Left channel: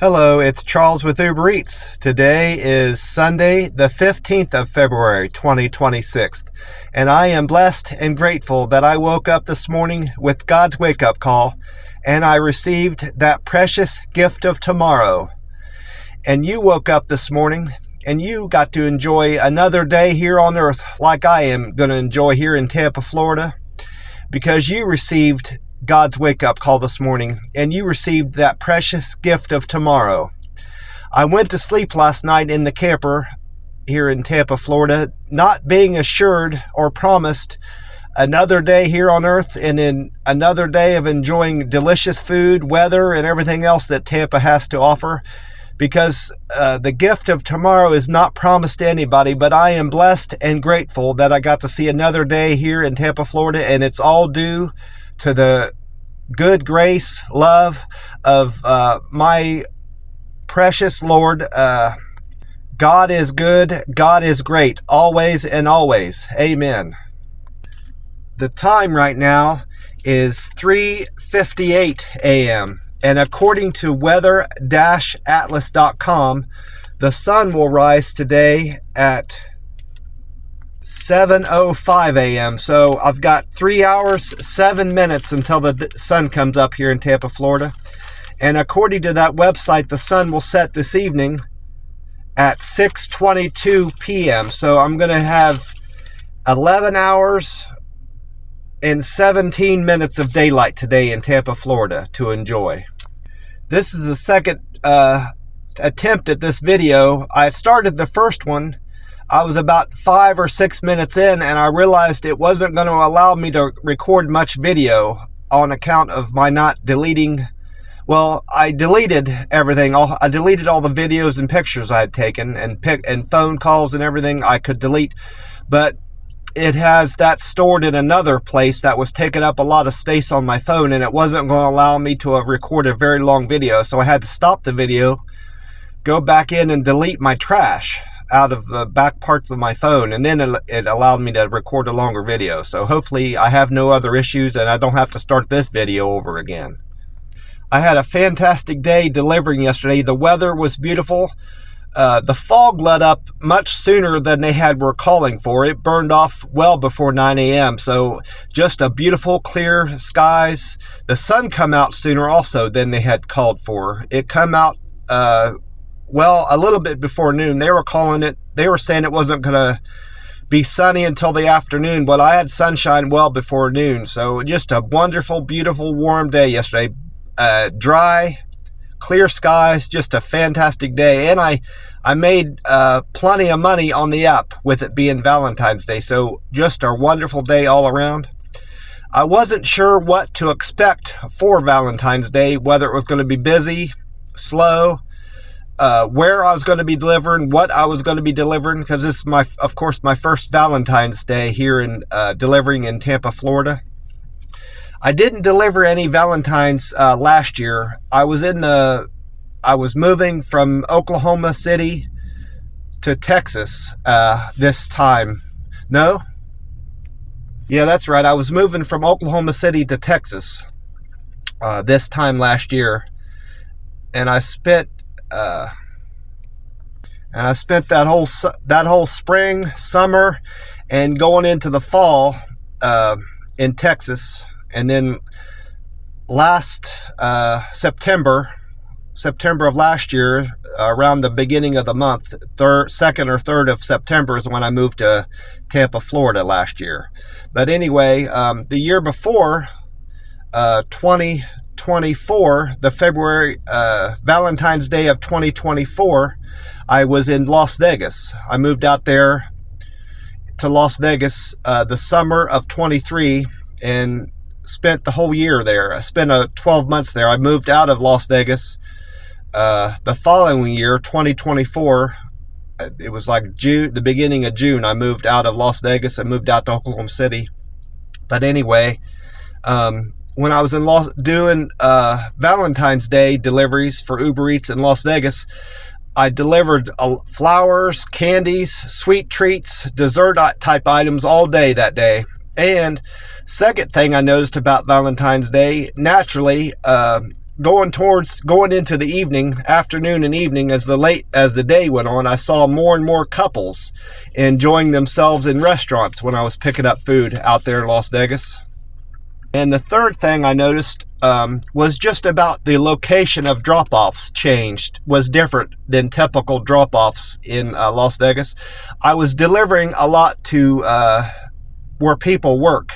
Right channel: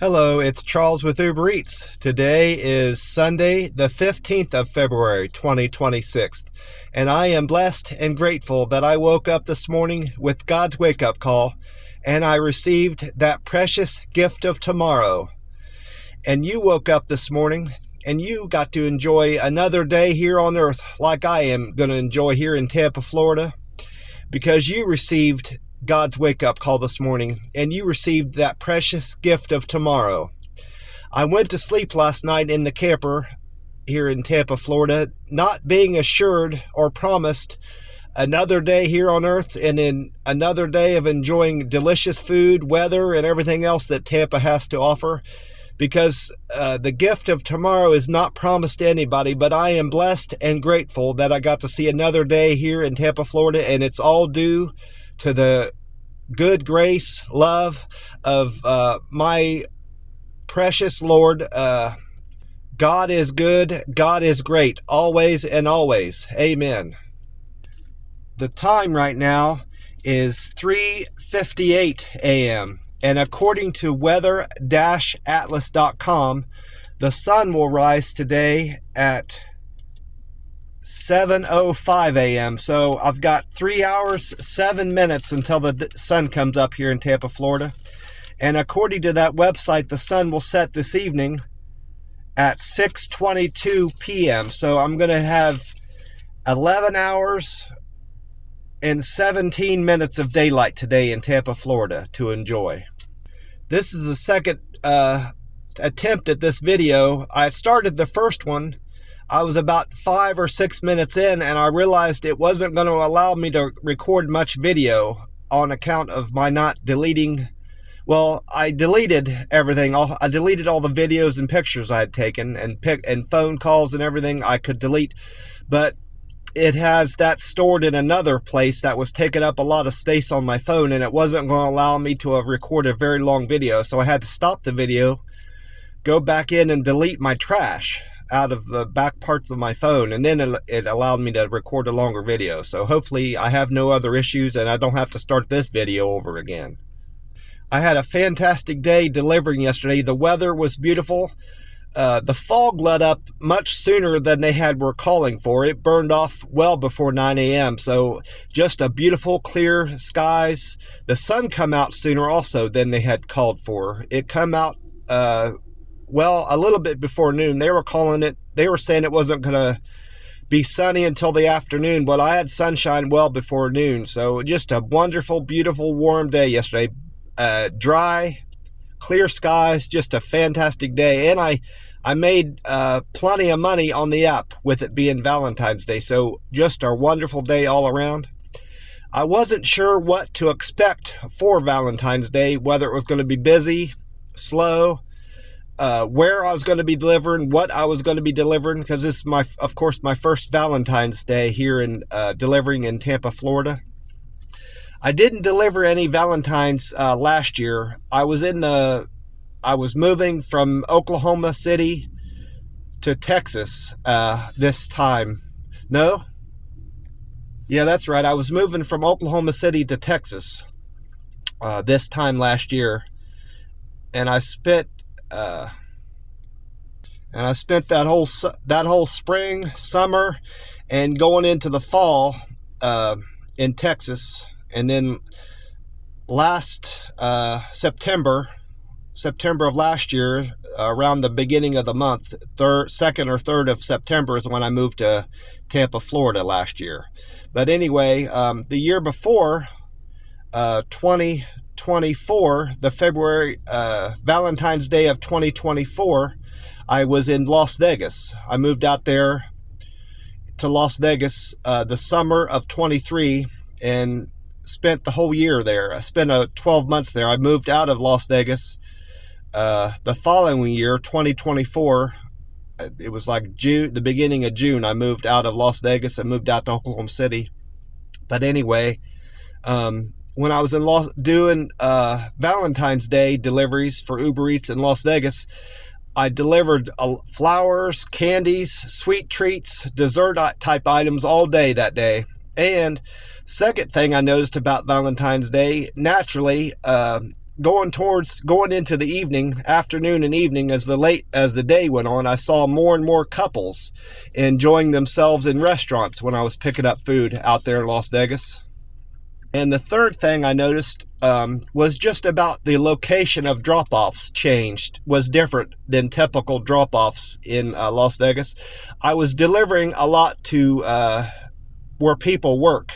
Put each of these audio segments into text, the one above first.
Hello, it's Charles with Uber Eats. Today is Sunday, the 15th of February, 2026, and I am blessed and grateful that I woke up this morning with God's wake-up call, and I received that precious gift of tomorrow. And you woke up this morning, and you got to enjoy another day here on earth like I am going to enjoy here in Tampa, Florida, because you received God's wake-up call this morning, and you received that precious gift of tomorrow. I went to sleep last night in the camper here in Tampa, Florida, not being assured or promised another day here on earth and in another day of enjoying delicious food, weather, and everything else that Tampa has to offer, because the gift of tomorrow is not promised to anybody. But I am blessed and grateful that I got to see another day here in Tampa, Florida, and it's all due to the good grace, love of my precious Lord. God is good, God is great, always and always. Amen. The time right now is 3:58 a.m. and according to weather-atlas.com, the sun will rise today at 7:05 a.m. So I've got 3 hours, 7 minutes until the sun comes up here in Tampa, Florida. And according to that website, the sun will set this evening at 6:22 p.m. So I'm going to have 11 hours and 17 minutes of daylight today in Tampa, Florida to enjoy. This is the second attempt at this video. I started the first one. I was about 5 or 6 minutes in, and I realized it wasn't going to allow me to record much video on account of my not deleting. Well, I deleted everything. I deleted all the videos and pictures I had taken, and phone calls and everything I could delete. But it has that stored in another place that was taking up a lot of space on my phone, and it wasn't going to allow me to record a very long video. So I had to stop the video, go back in and delete my trash out of the back parts of my phone, and then it allowed me to record a longer video. So hopefully I have no other issues and I don't have to start this video over again. I had a fantastic day delivering yesterday. The weather was beautiful. The fog let up much sooner than they were calling for. It burned off well before 9 a.m. So just a beautiful clear skies. The sun come out sooner also than they had called for. It come out well, a little bit before noon. They were saying it wasn't going to be sunny until the afternoon, but I had sunshine well before noon. So just a wonderful, beautiful, warm day yesterday. Dry, clear skies, just a fantastic day. And I made plenty of money on the app with it being Valentine's Day. So just a wonderful day all around. I wasn't sure what to expect for Valentine's Day, whether it was going to be busy, slow, where I was going to be delivering, what I was going to be delivering, because this is of course my first Valentine's Day here in delivering in Tampa, Florida. I didn't deliver any Valentines last year. I was moving from Oklahoma City to Texas this time. No? Yeah, that's right. I was moving from Oklahoma City to Texas this time last year, and I spent that whole spring, summer, and going into the fall in Texas. And then last September of last year, around the beginning of the month, 2nd or 3rd of September is when I moved to Tampa, Florida last year. But anyway, the year before, 2024, the February Valentine's Day of 2024, I was in Las Vegas. I moved out there to Las Vegas the summer of 23 and spent the whole year there. I spent 12 months there. I moved out of Las Vegas the following year, 2024. It was like June, the beginning of June. I moved out of Las Vegas. I moved out to Oklahoma City. But anyway, when I was doing Valentine's Day deliveries for Uber Eats in Las Vegas, I delivered flowers, candies, sweet treats, dessert type items all day that day. And second thing I noticed about Valentine's Day, naturally, going into the evening, afternoon and evening, as the day went on, I saw more and more couples enjoying themselves in restaurants when I was picking up food out there in Las Vegas. And the third thing I noticed was just about the location of drop-offs was different than typical drop-offs in Las Vegas. I was delivering a lot to where people work,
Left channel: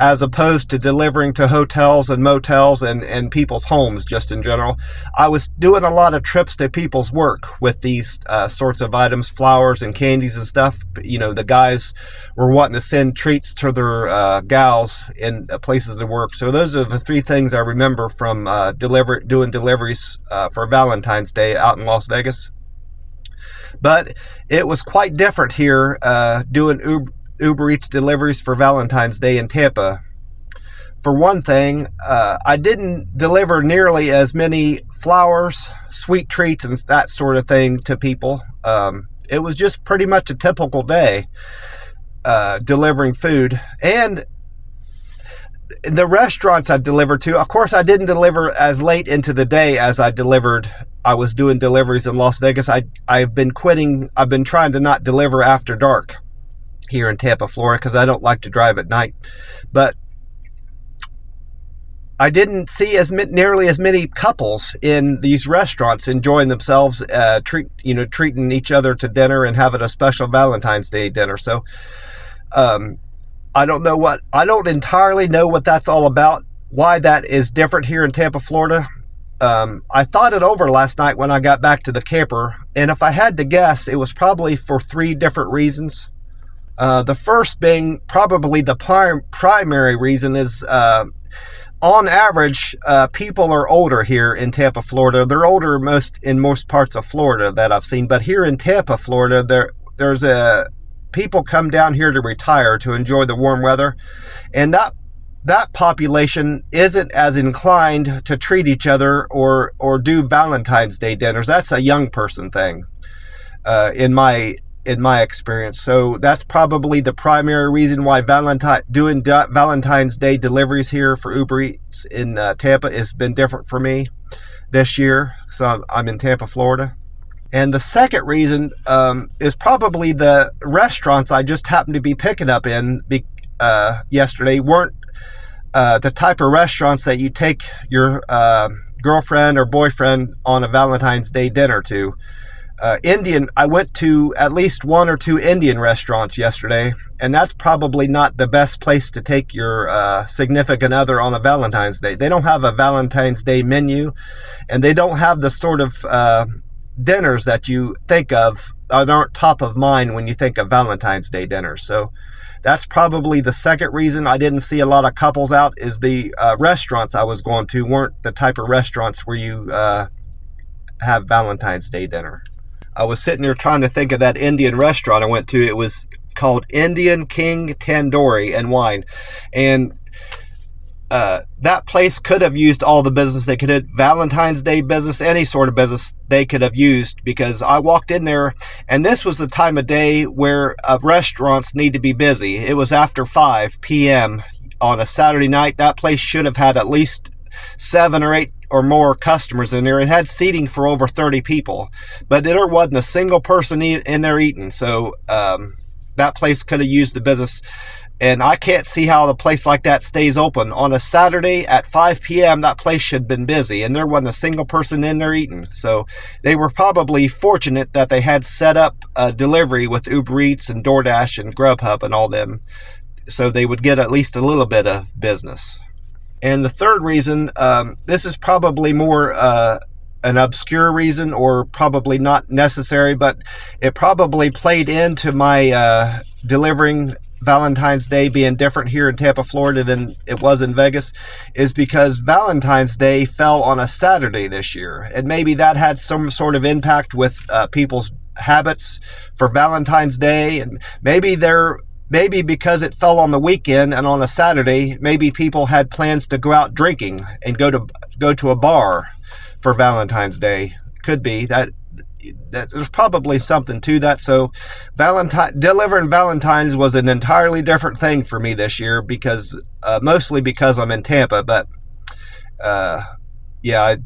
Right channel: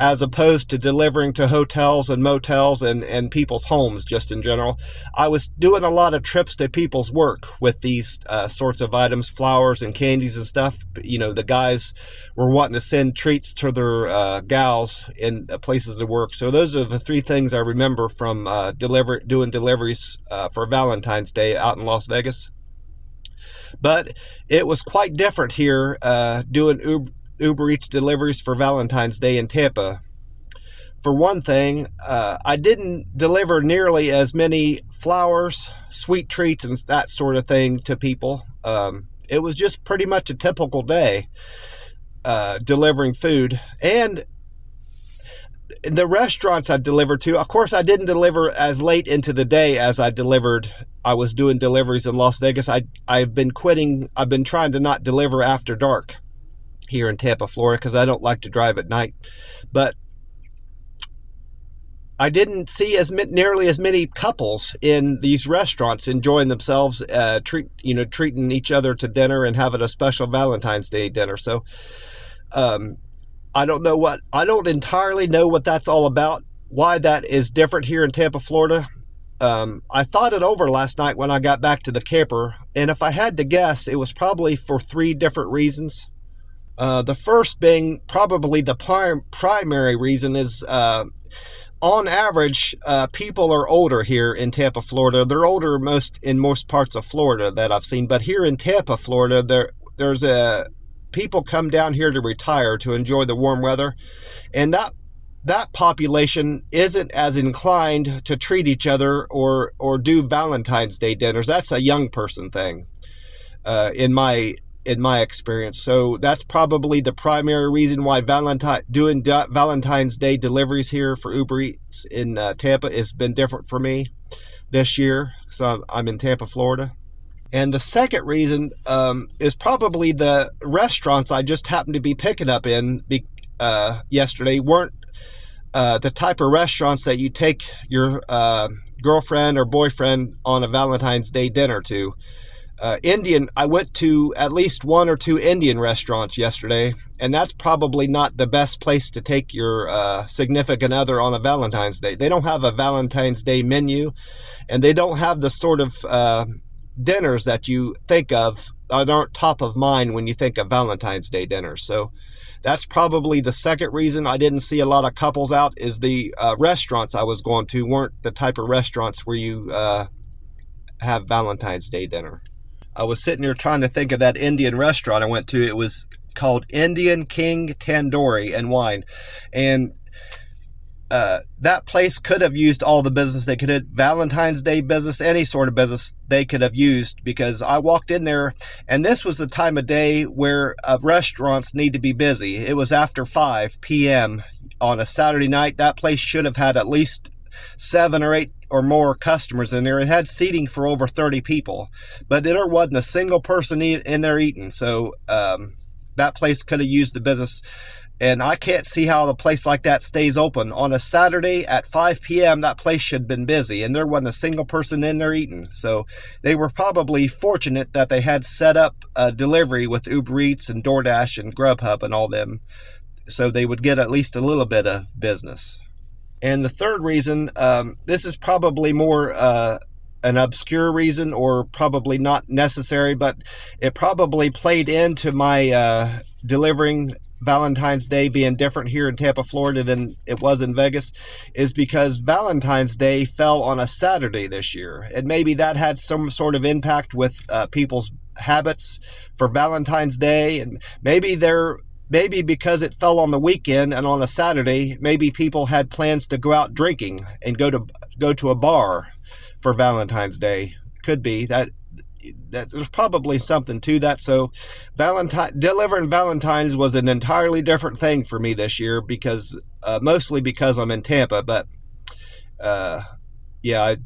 as opposed to delivering to hotels and motels and people's homes just in general. I was doing a lot of trips to people's work with these sorts of items, flowers and candies and stuff. You know, the guys were wanting to send treats to their gals in places to work. So those are the three things I remember from doing deliveries for Valentine's Day out in Las Vegas. But it was quite different here doing Uber Eats deliveries for Valentine's Day in Tampa. For one thing, I didn't deliver nearly as many flowers, sweet treats, and that sort of thing to people. It was just pretty much a typical day delivering food. And the restaurants I delivered to, of course, I didn't deliver as late into the day as I was doing deliveries in Las Vegas. I've been trying to not deliver after dark here in Tampa, Florida, because I don't like to drive at night. But I didn't see nearly as many couples in these restaurants enjoying themselves, treating each other to dinner and having a special Valentine's Day dinner. So I don't entirely know what that's all about, why that is different here in Tampa, Florida. I thought it over last night when I got back to the camper, and if I had to guess, it was probably for three different reasons. The first being probably the primary reason is, on average, people are older here in Tampa, Florida. They're older in most parts of Florida that I've seen, but here in Tampa, Florida, people come down here to retire to enjoy the warm weather, and that population isn't as inclined to treat each other or do Valentine's Day dinners. That's a young person thing, in my experience. So that's probably the primary reason why doing Valentine's Day deliveries here for Uber Eats in Tampa has been different for me this year. So I'm in Tampa, Florida. And the second reason is probably the restaurants I just happened to be picking up in yesterday weren't the type of restaurants that you take your girlfriend or boyfriend on a Valentine's Day dinner to. I went to at least one or two Indian restaurants yesterday, and that's probably not the best place to take your significant other on a Valentine's Day. They don't have a Valentine's Day menu, and they don't have the sort of dinners that you think of that aren't top of mind when you think of Valentine's Day dinners. So that's probably the second reason I didn't see a lot of couples out, is the restaurants I was going to weren't the type of restaurants where you have Valentine's Day dinner. I was sitting here trying to think of that Indian restaurant I went to. It was called Indian King Tandoori and Wine. And that place could have used all the business they could have, Valentine's Day business, any sort of business they could have used, because I walked in there and this was the time of day where restaurants need to be busy. It was after 5 p.m. on a Saturday night. That place should have had at least 7 or 8 or more customers in there. It had seating for over 30 people, but there wasn't a single person in there eating. So that place could have used the business, and I can't see how a place like that stays open on a Saturday at 5 p.m. That place should have been busy, and there wasn't a single person in there eating. So they were probably fortunate that they had set up a delivery with Uber Eats and DoorDash and Grubhub and all them, so they would get at least a little bit of business. And the third reason, this is probably more an obscure reason, or probably not necessary, but it probably played into my delivering Valentine's Day being different here in Tampa, Florida than it was in Vegas, is because Valentine's Day fell on a Saturday this year. And maybe that had some sort of impact with people's habits for Valentine's Day, and maybe because it fell on the weekend and on a Saturday, maybe people had plans to go out drinking and go to a bar for Valentine's Day. Could be that there's probably something to that. So delivering Valentine's was an entirely different thing for me this year, because mostly because I'm in Tampa, but yeah,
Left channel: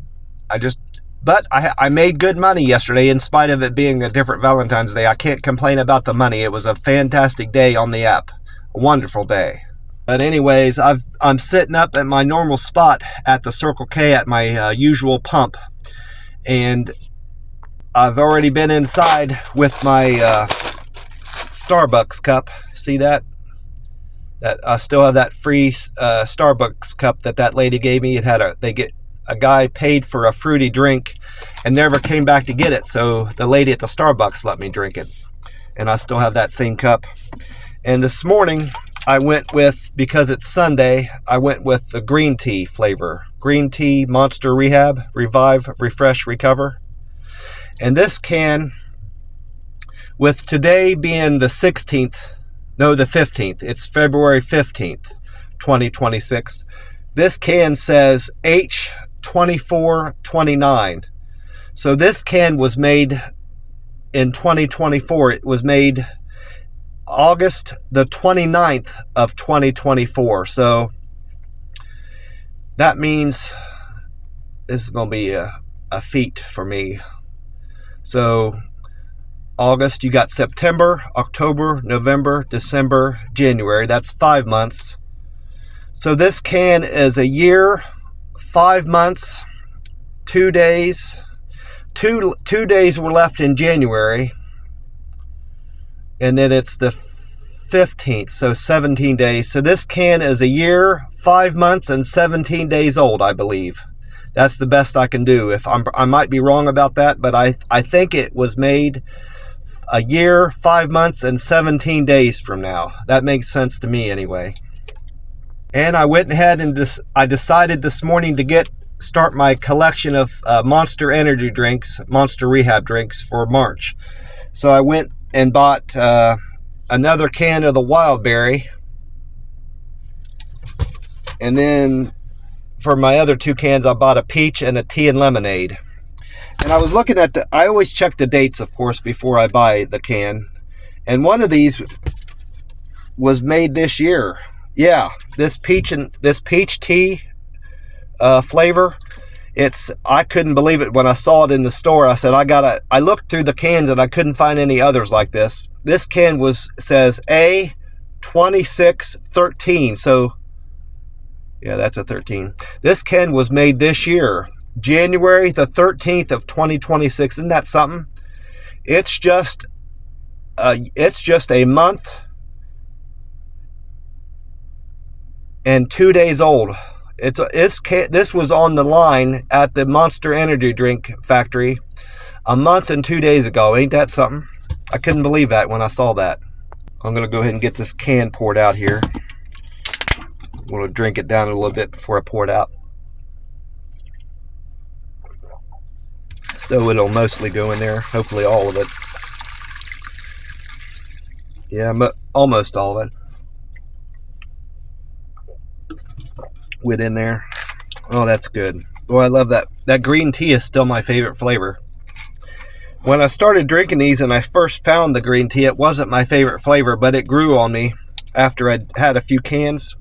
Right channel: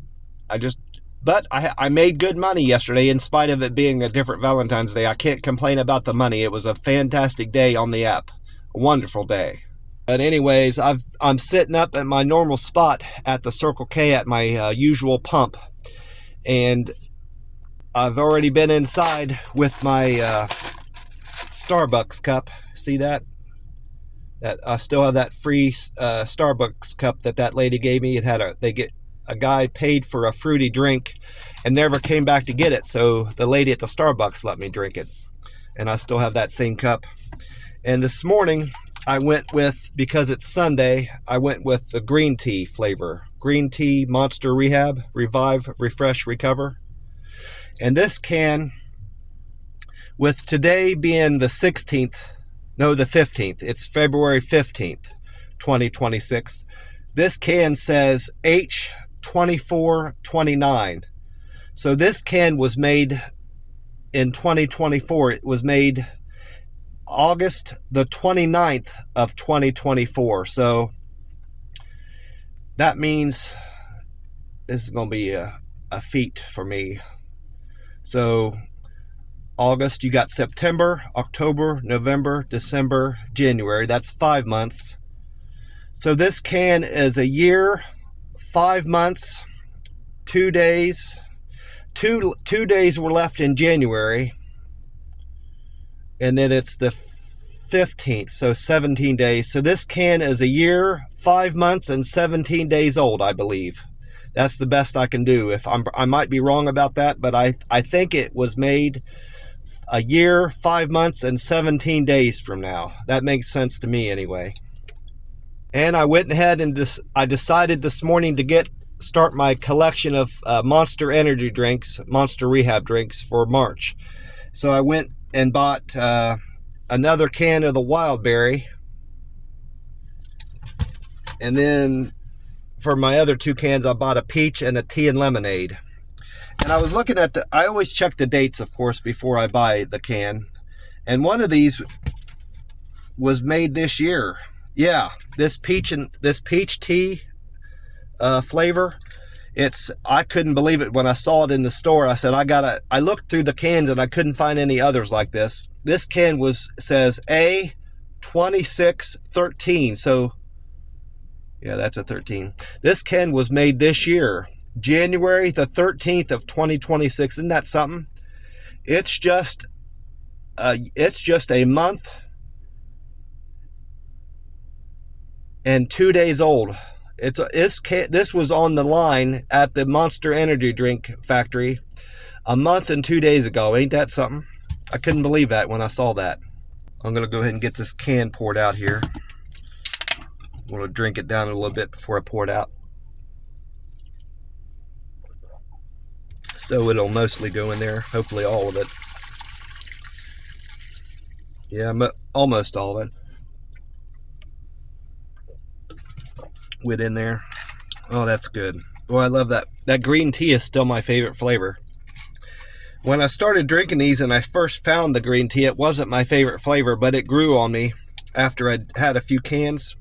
but I made good money yesterday in spite of it being a different Valentine's Day. I can't complain about the money. It was a fantastic day on the app. A wonderful day. But anyways, I'm sitting up at my normal spot at the Circle K at my usual pump. And I've already been inside with my Starbucks cup. See that? That I still have that free Starbucks cup that lady gave me. It had a guy paid for a fruity drink and never came back to get it. So the lady at the Starbucks let me drink it. And I still have that same cup. And this morning I went with, because it's Sunday, I went with the green tea flavor. Green tea Monster Rehab, Revive, Refresh, Recover. And this can, with today being the 16th, no, the 15th, it's February 15th, 2026. This can says H2429. So this can was made in 2024. It was made August the 29th of 2024. So that means this is going to be a feat for me. So August, you got September, October, November, December, January. That's 5 months. So this can is a year, 5 months, 2 days. Two days were left in January. And then it's the 15th, so 17 days. So this can is a year, 5 months, and 17 days old, I believe. That's the best I can do. I might be wrong about that, but I think it was made a year, 5 months, and 17 days from now. That makes sense to me anyway. And I went ahead and I decided this morning to start my collection of Monster Energy drinks, Monster Rehab drinks for March. So I went and bought another can of the Wild Berry. And then for my other 2 cans, I bought a peach and a tea and lemonade. And I was looking at I always check the dates, of course, before I buy the can. And one of these was made this year. Yeah, this peach tea flavor. I couldn't believe it when I saw it in the store. I said, I looked through the cans and I couldn't find any others like this. This can says A2613. So yeah, that's a 13. This can was made this year, January the 13th of 2026. Isn't that something? It's just a month and 2 days old. This was on the line at the Monster Energy drink factory a month and 2 days ago. Ain't that something? I couldn't believe that when I saw that. I'm gonna go ahead and get this can poured out here. I'm gonna drink it down a little bit before I pour it out, so it'll mostly go in there. Hopefully all of it. Yeah, almost all of it went in there. Oh, that's good. Boy, I love that. That green tea is still my favorite flavor. When I started drinking these and I first found the green tea, it wasn't my favorite flavor, but it grew on me after I'd had a few cans,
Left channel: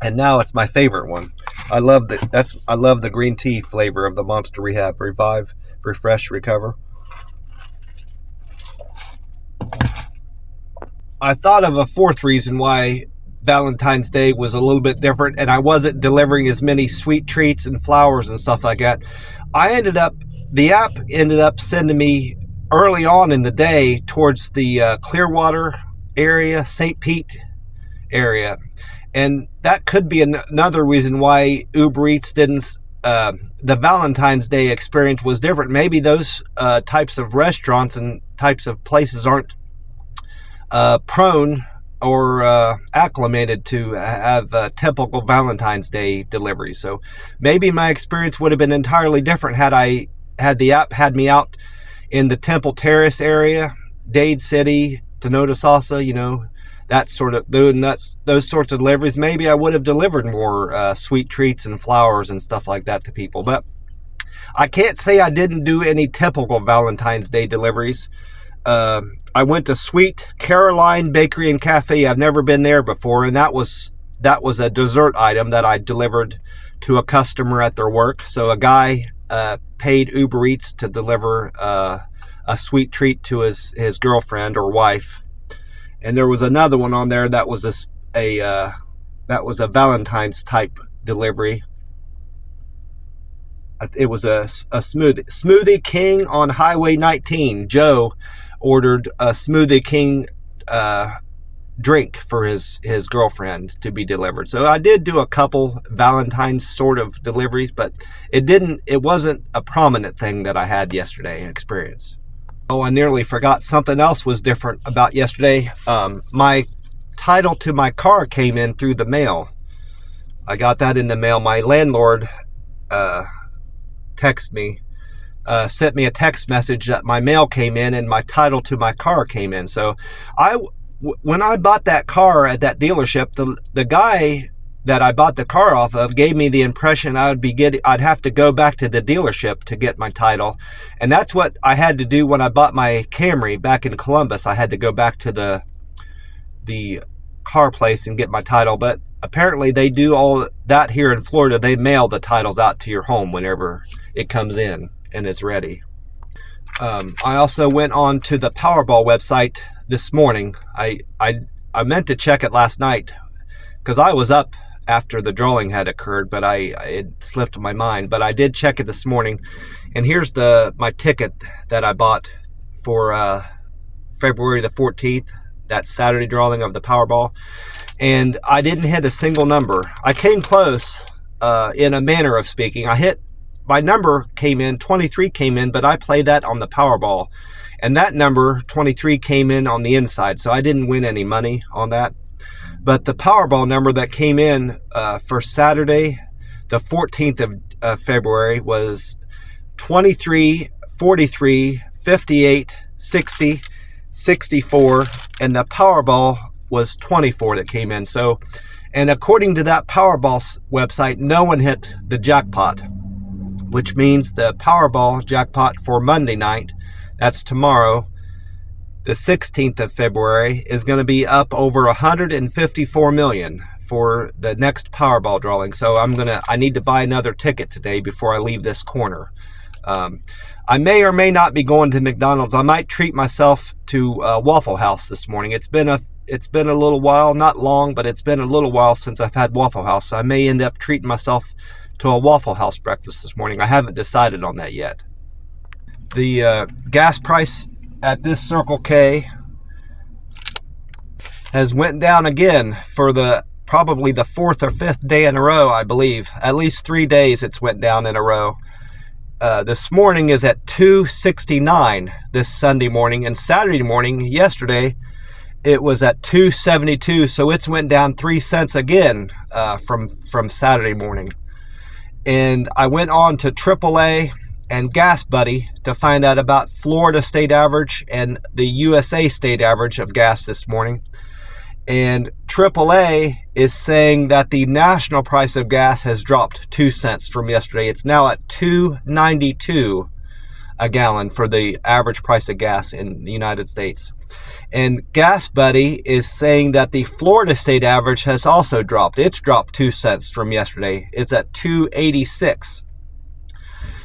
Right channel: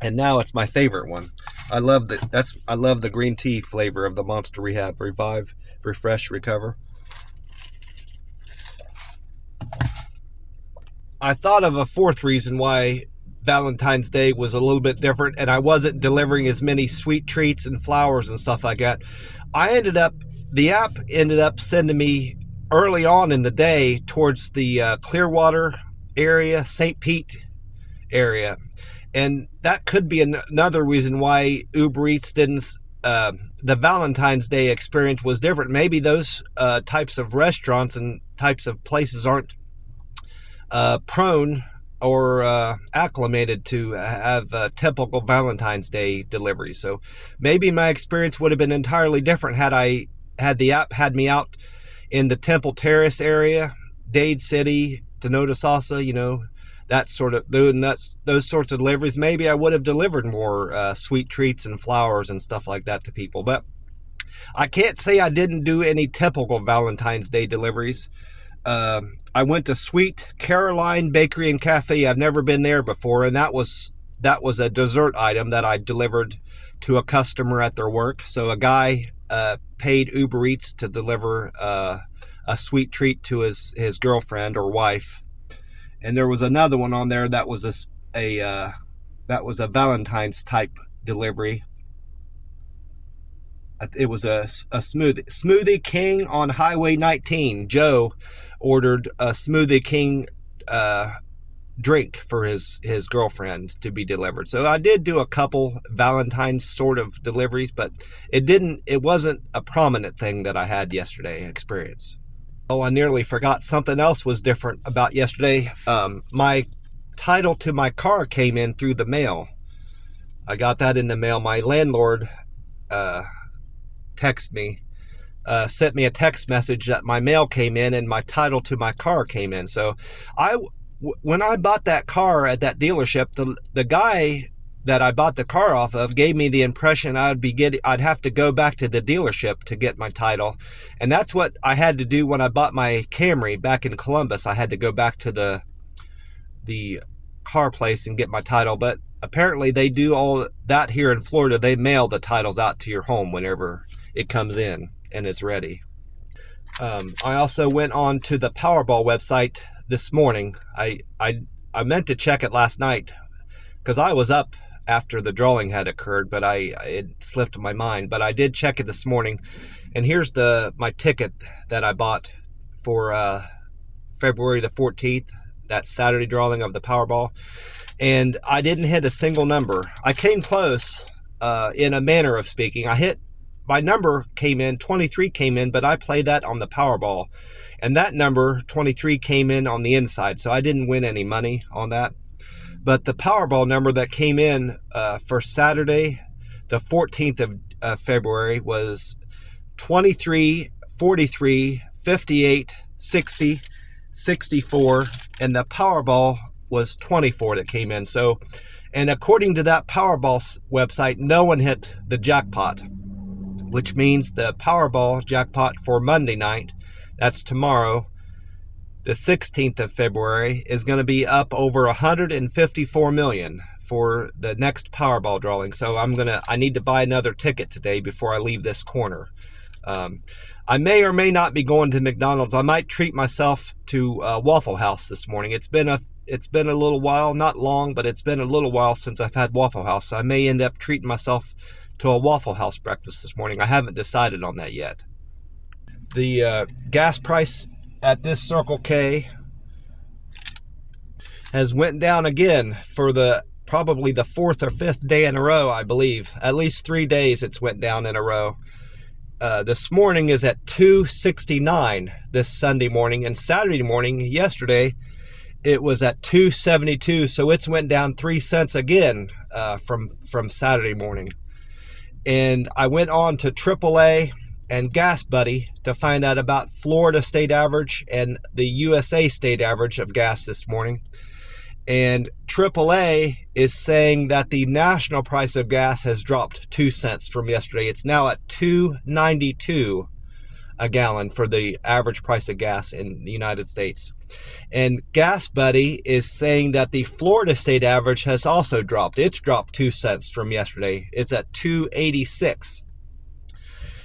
and now it's my favorite one. I love the green tea flavor of the Monster Rehab, Revive, Refresh, Recover. I thought of a fourth reason why Valentine's Day was a little bit different, and I wasn't delivering as many sweet treats and flowers and stuff like that. The app ended up sending me early on in the day towards the Clearwater area, St. Pete area. And that could be another reason why Uber Eats didn't, the Valentine's Day experience was different. Maybe those types of restaurants and types of places aren't prone or acclimated to have typical Valentine's Day deliveries. So maybe my experience would have been entirely different had the app had me out in the Temple Terrace area, Dade City, Tenoda Salsa, that sort of those sorts of deliveries. Maybe I would have delivered more sweet treats and flowers and stuff like that to people. But I can't say I didn't do any typical Valentine's Day deliveries. I went to Sweet Caroline Bakery and Cafe. I've never been there before, and that was a dessert item that I delivered to a customer at their work. So a guy paid Uber Eats to deliver a sweet treat to his girlfriend or wife. And there was another one on there that was a Valentine's type delivery. It was a Smoothie King on Highway 19. Joe ordered a Smoothie King drink for his girlfriend to be delivered. So I did do a couple Valentine's sort of deliveries, but it wasn't a prominent thing that I had yesterday experience. Oh, I nearly forgot something else was different about yesterday. My title to my car came in through the mail. I got that in the mail. My landlord sent me a text message that my mail came in and my title to my car came in. So when I bought that car at that dealership, the guy that I bought the car off of gave me the impression I'd have to go back to the dealership to get my title. And that's what I had to do when I bought my Camry back in Columbus. I had to go back to the car place and get my title. But apparently they do all that here in Florida. They mail the titles out to your home whenever it comes in and is ready. I also went on to the Powerball website this morning. I meant to check it last night because I was up after the drawing had occurred, but it slipped my mind. But I did check it this morning, and here's my ticket that I bought for February the 14th, that Saturday drawing of the Powerball, and I didn't hit a single number. I came close, in a manner of speaking. My number came in, 23 came in, but I played that on the Powerball. And that number, 23, came in on the inside, so I didn't win any money on that. But the Powerball number that came in for Saturday, the 14th of February, was 23, 43, 58, 60, 64, and the Powerball was 24 that came in. So, and according to that Powerball website, no one hit the jackpot, which means the Powerball jackpot for Monday night, that's tomorrow, the 16th of February, is going to be up over 154 million for the next Powerball drawing. So I need to buy another ticket today before I leave this corner. I may or may not be going to McDonald's. I might treat myself to Waffle House this morning. It's been a little while, not long, but it's been a little while since I've had Waffle House. So I may end up treating myself to a Waffle House breakfast this morning. I haven't decided on that yet. The gas price at this Circle K has went down again for probably the fourth or fifth day in a row, I believe. At least 3 days it's went down in a row. This morning is at $2.69 this Sunday morning, and Saturday morning, yesterday, it was at $2.72, so it's went down 3 cents again from Saturday morning. And I went on to AAA and Gas Buddy to find out about Florida state average and the USA state average of gas this morning. And AAA is saying that the national price of gas has dropped 2 cents from yesterday. It's now at $2.92 a gallon for the average price of gas in the United States. And Gas Buddy is saying that the Florida state average has also dropped. It's dropped 2 cents from yesterday. It's at $2.86.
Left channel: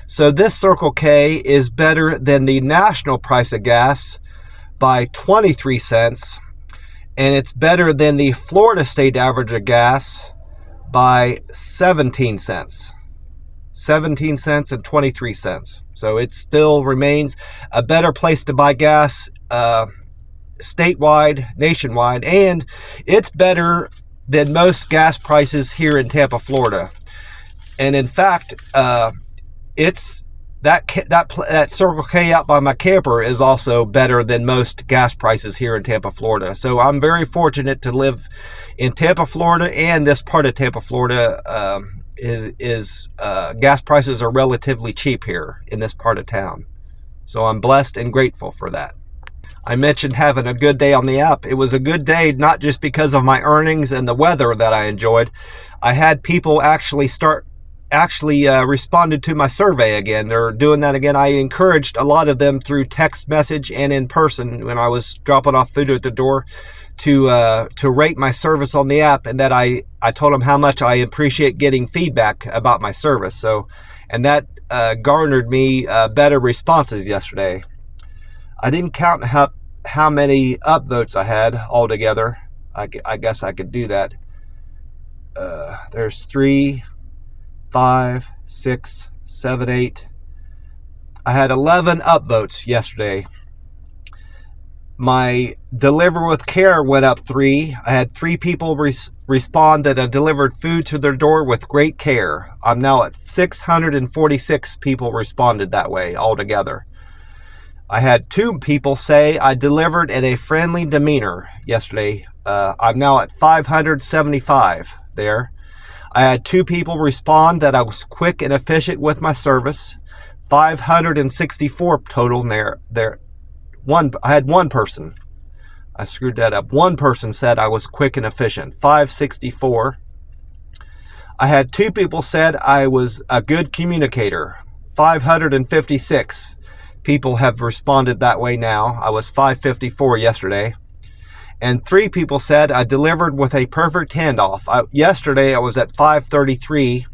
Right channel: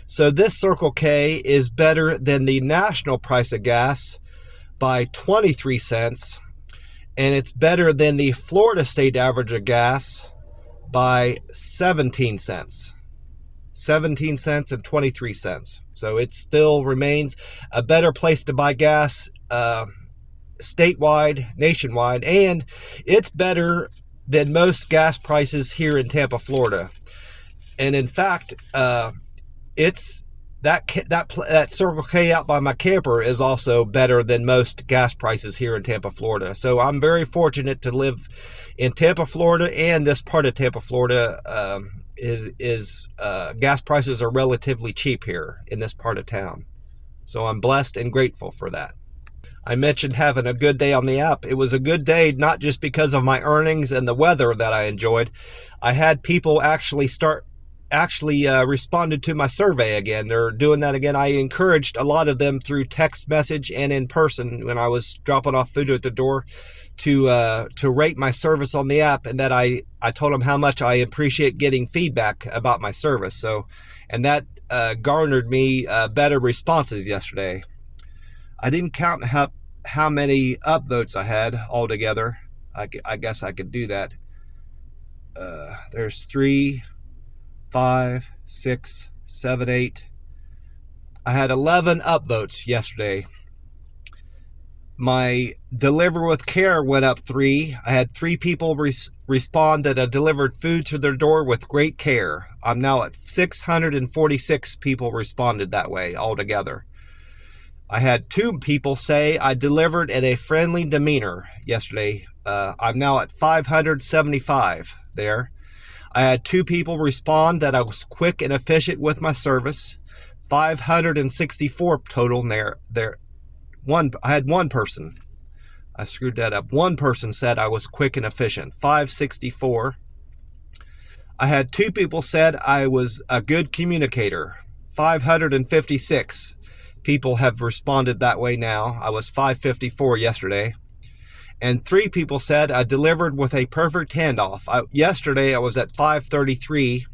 So this Circle K is better than the national price of gas by 23 cents. And it's better than the Florida state average of gas by 17 cents. 17 cents and 23 cents. So it still remains a better place to buy gas statewide, nationwide, and it's better than most gas prices here in Tampa, Florida. And in fact, it's that Circle K out by my camper is also better than most gas prices here in Tampa, Florida. So I'm very fortunate to live in Tampa, Florida, and this part of Tampa, Florida gas prices are relatively cheap here in this part of town. So I'm blessed and grateful for that. I mentioned having a good day on the app. It was a good day not just because of my earnings and the weather that I enjoyed. I had people actually responded to my survey again. They're doing that again. I encouraged a lot of them through text message and in person when I was dropping off food at the door to rate my service on the app, and that I I told them how much I appreciate getting feedback about my service. So, and that garnered me better responses yesterday. I didn't count how many upvotes I had altogether. I guess I could do that. There's 3, 5, 6, 7, 8. I had 11 upvotes yesterday. My deliver with care went up 3. I had 3 people respond that I delivered food to their door with great care. I'm now at 646 people responded that way altogether. I had 2 people say I delivered in a friendly demeanor yesterday. I'm now at 575 there. I had 2 people respond that I was quick and efficient with my service. 564 total there. I had 1 person. I screwed that up. 1 person said I was quick and efficient. 564. I had 2 people said I was a good communicator. 556 people have responded that way now. I was 554 yesterday. And 3 people said I delivered with a perfect handoff. Yesterday I was at 533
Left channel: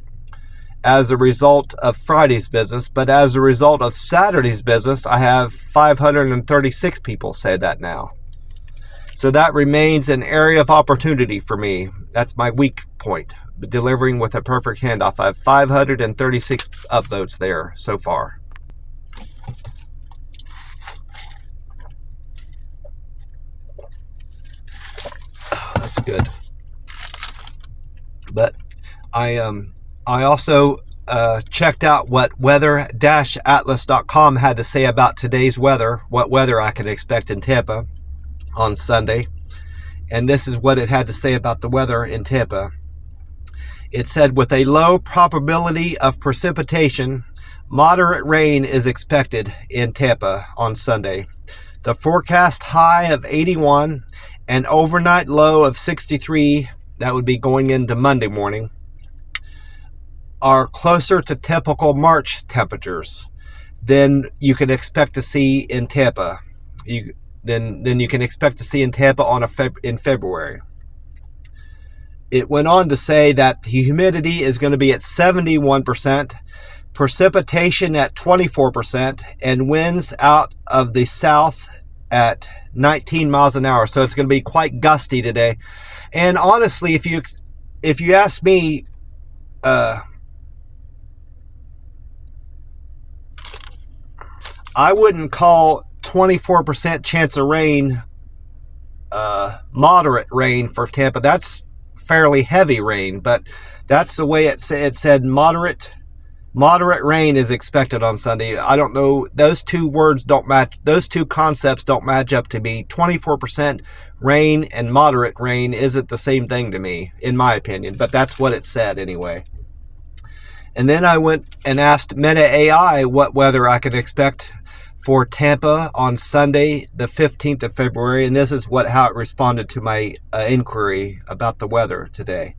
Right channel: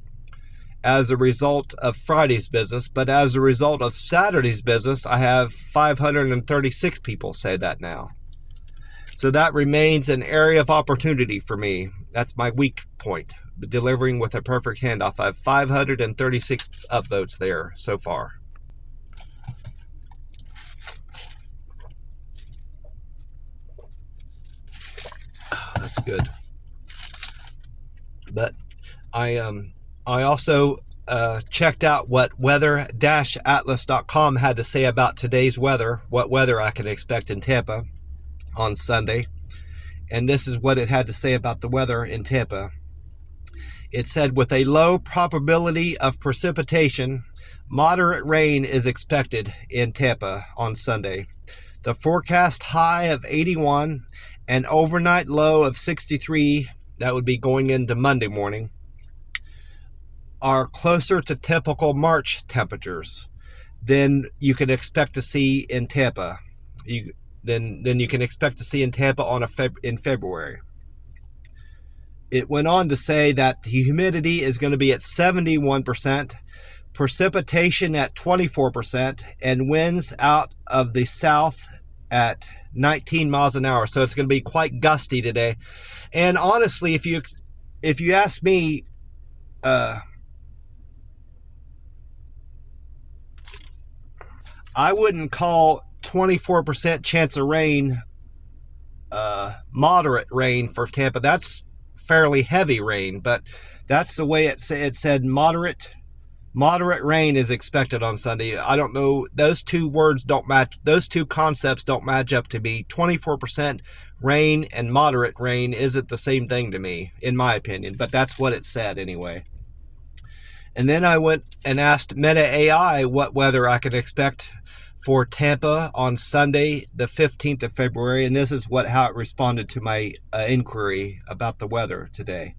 as a result of Friday's business, but as a result of Saturday's business, I have 536 people say that now. So that remains an area of opportunity for me. That's my weak point, delivering with a perfect handoff. I have 536 upvotes there so far. That's good. But I also checked out what weather-atlas.com had to say about today's weather, what weather I can expect in Tampa on Sunday. And this is what it had to say about the weather in Tampa. It said, with a low probability of precipitation, moderate rain is expected in Tampa on Sunday. The forecast high of 81 and overnight low of 63, that would be going into Monday morning, are closer to typical March temperatures than you can expect to see in Tampa. Than you can expect to see in Tampa in February. It went on to say that the humidity is going to be at 71%, precipitation at 24%, and winds out of the south at 19 miles an hour. So it's going to be quite gusty today. And honestly, if you ask me, I wouldn't call 24% chance of rain moderate rain for Tampa. That's fairly heavy rain, but that's the way it said moderate rain is expected on Sunday. I don't know, those 2 words don't match, those 2 concepts don't match up to me. 24% rain and moderate rain isn't the same thing to me, in my opinion, but that's what it said anyway. And then I went and asked Meta AI what weather I could expect for Tampa on Sunday, the 15th of February, and this is how it responded to my inquiry about the weather today.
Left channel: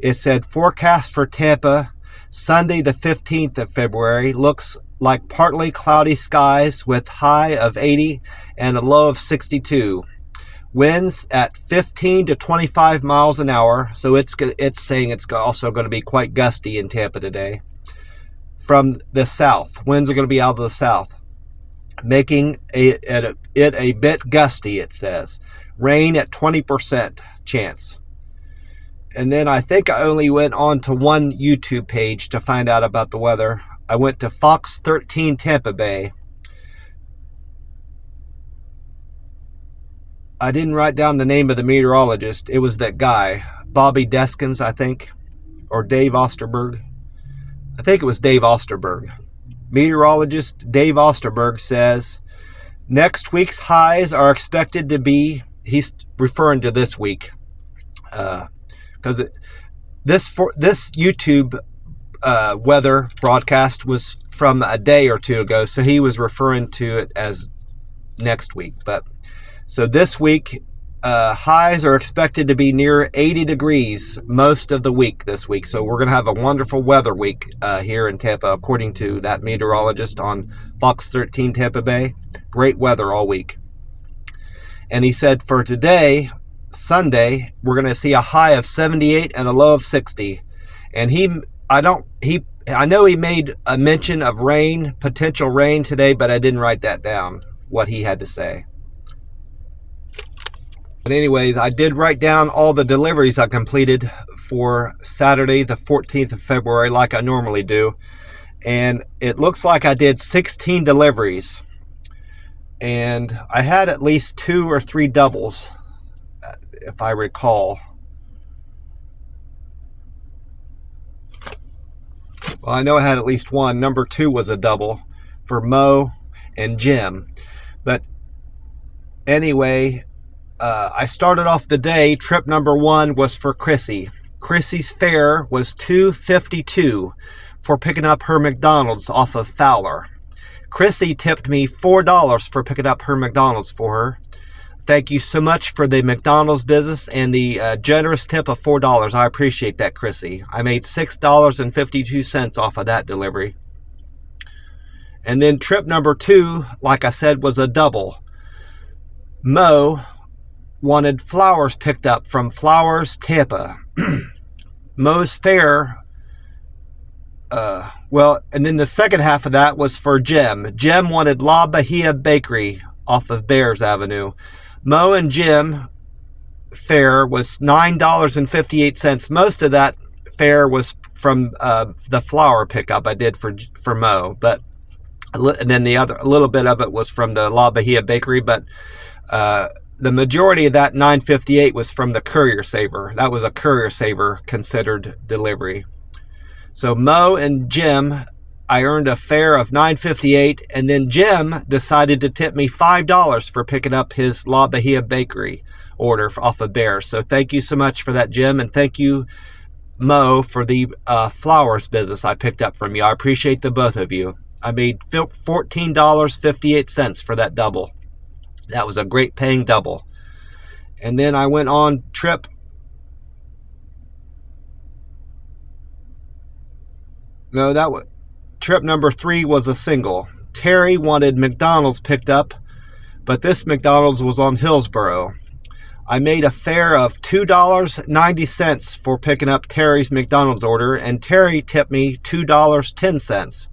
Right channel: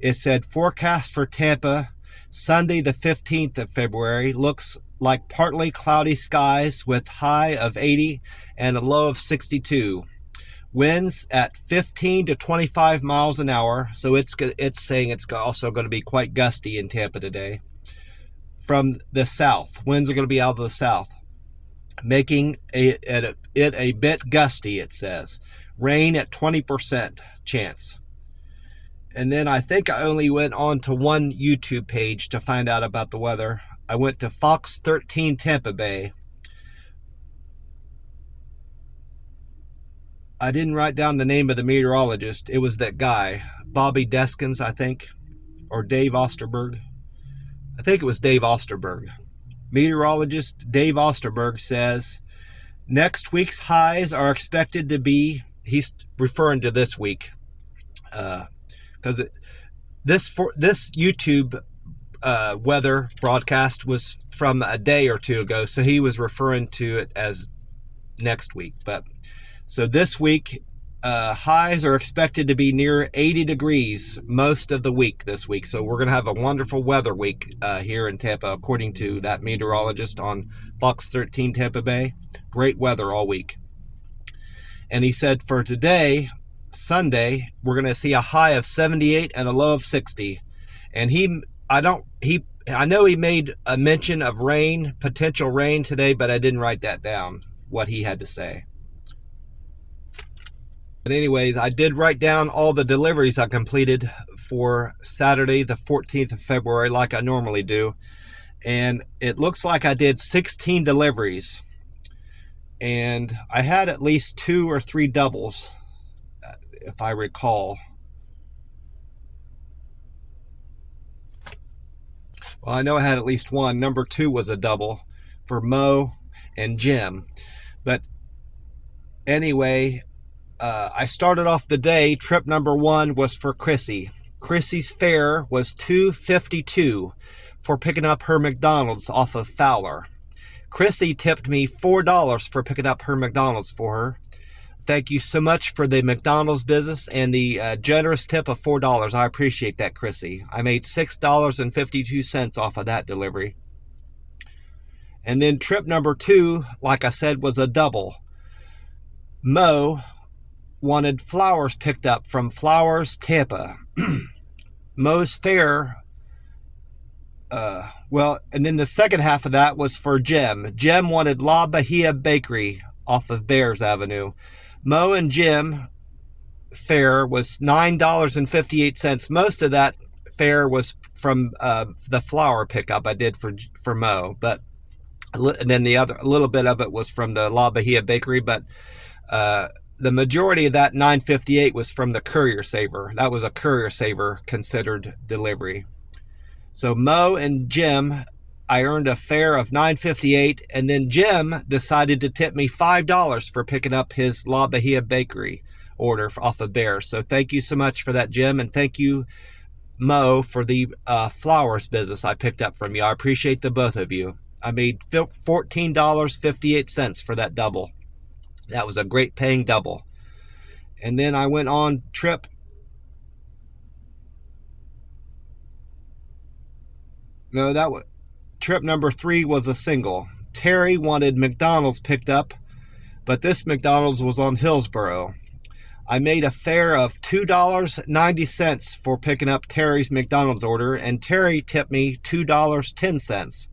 It said, forecast for Tampa, Sunday the 15th of February, looks like partly cloudy skies with high of 80 and a low of 62. Winds at 15 to 25 miles an hour, so it's saying it's also going to be quite gusty in Tampa today. From the south, winds are going to be out of the south, making it a bit gusty, it says. Rain at 20% chance. And then I think I only went on to one YouTube page to find out about the weather. I went to Fox 13 Tampa Bay. I didn't write down the name of the meteorologist. It was that guy, Bobby Deskins, I think, or Dave Osterberg. I think it was Dave Osterberg. Meteorologist Dave Osterberg says, next week's highs are expected to be, he's referring to this week, because this YouTube weather broadcast was from a day or 2 ago, so he was referring to it as next week. But so this week, highs are expected to be near 80 degrees most of the week this week. So we're going to have a wonderful weather week here in Tampa, according to that meteorologist on Fox 13 Tampa Bay. Great weather all week. And he said for today, Sunday, we're going to see a high of 78 and a low of 60. And I know he made a mention of rain, potential rain today, but I didn't write that down, what he had to say. But anyways, I did write down all the deliveries I completed for Saturday, the 14th of February, like I normally do. And it looks like I did 16 deliveries. And I had at least 2 or 3 doubles, if I recall. Well, I know I had at least one. Number 2 was a double for Mo and Jim. But anyway, I started off the day. Trip number 1 was for Chrissy. Chrissy's fare was $2.52 for picking up her McDonald's off of Fowler. Chrissy tipped me $4 for picking up her McDonald's for her. Thank you so much for the McDonald's business and the generous tip of $4. I appreciate that, Chrissy. I made $6.52 off of that delivery. And then trip number 2, like I said, was a double. Mo wanted flowers picked up from Flowers, Tampa. Mo's fare, and then the second half of that was for Jim. Jim wanted La Bahia Bakery off of Bears Avenue. Mo and Jim fare was $9.58. Most of that fare was from the flour pickup I did for Mo, but and then a little bit of it was from the La Bahia Bakery, but the majority of that $9.58 was from the Courier Saver. That was a Courier Saver considered delivery. So Mo and Jim, I earned a fare of $9.58, and then Jim decided to tip me $5 for picking up his La Bahia Bakery order off of Bear. So thank you so much for that, Jim, and thank you, Mo, for the flowers business I picked up from you. I appreciate the both of you. I made $14.58 for that double. That was a great paying double. And then I went on trip. No, that was trip number 3 was a single. Terry wanted McDonald's picked up, but this McDonald's was on Hillsborough. I made a fare of $2.90 for picking up Terry's McDonald's order, and Terry tipped me $2.10.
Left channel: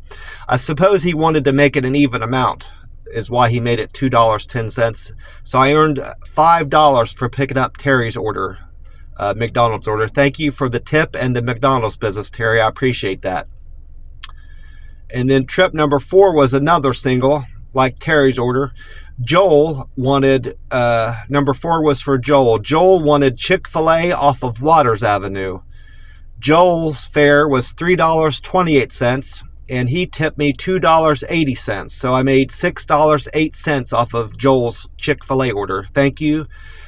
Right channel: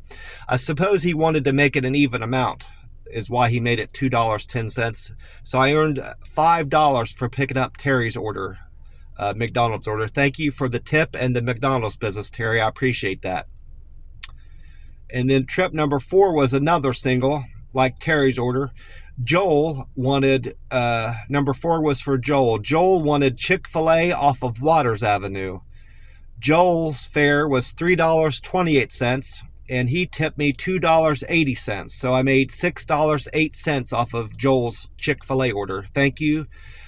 I suppose he wanted to make it an even amount, is why he made it $2.10. So I earned $5 for picking up Terry's order, McDonald's order. Thank you for the tip and the McDonald's business, Terry. I appreciate that. And then trip number 4 was another single, like Terry's order. Joel wanted, number 4 was for Joel. Joel wanted Chick-fil-A off of Waters Avenue. Joel's fare was $3.28, and he tipped me $2.80. So I made $6.08 off of Joel's Chick-fil-A order. Thank you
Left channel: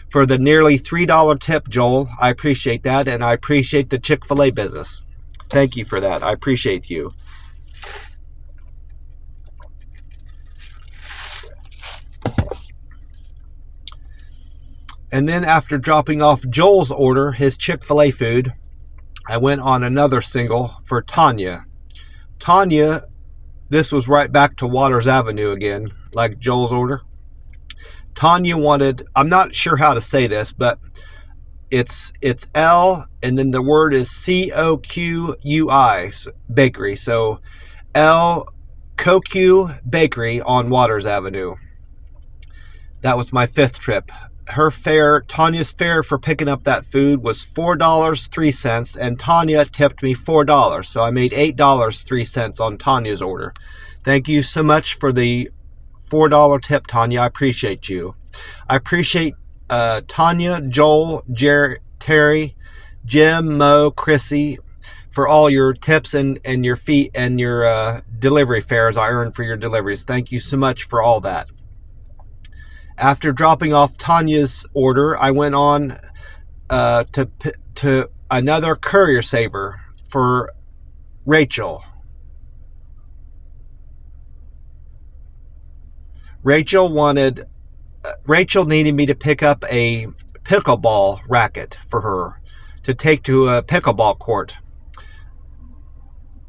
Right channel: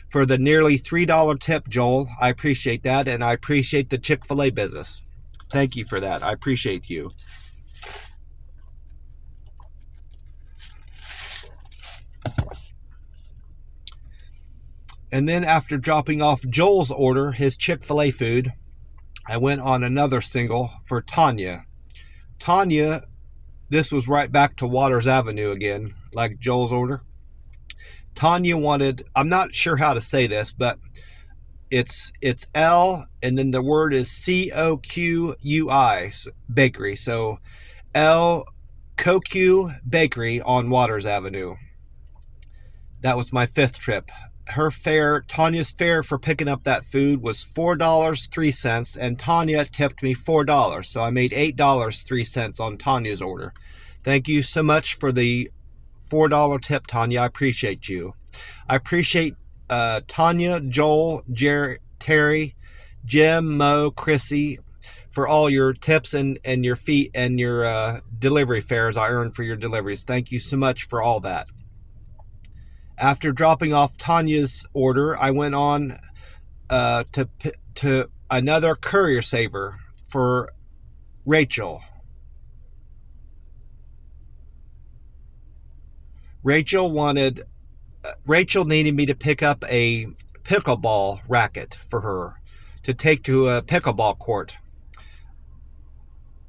for the nearly $3 tip, Joel. I appreciate that, and I appreciate the Chick-fil-A business. Thank you for that. I appreciate you. And then after dropping off Joel's order, his Chick-fil-A food, I went on another single for Tanya. Tanya, this was right back to Waters Avenue again, like Joel's order. Tanya wanted, I'm not sure how to say this, but it's L, and then the word is C-O-Q-U-I, bakery. So L Koku Bakery on Waters Avenue. That was my 5th trip. Her fare, Tanya's fare for picking up that food was $4.03, and Tanya tipped me $4. So I made $8.03 on Tanya's order. Thank you so much for the $4 tip, Tanya. I appreciate you. I appreciate Tanya, Joel, Terry, Jim, Mo, Chrissy, for all your tips and your feet and your delivery fares I earned for your deliveries. Thank you so much for all that. After dropping off Tanya's order, I went on to another Courier Saver for Rachel. Rachel needed me to pick up a pickleball racket for her to take to a pickleball court.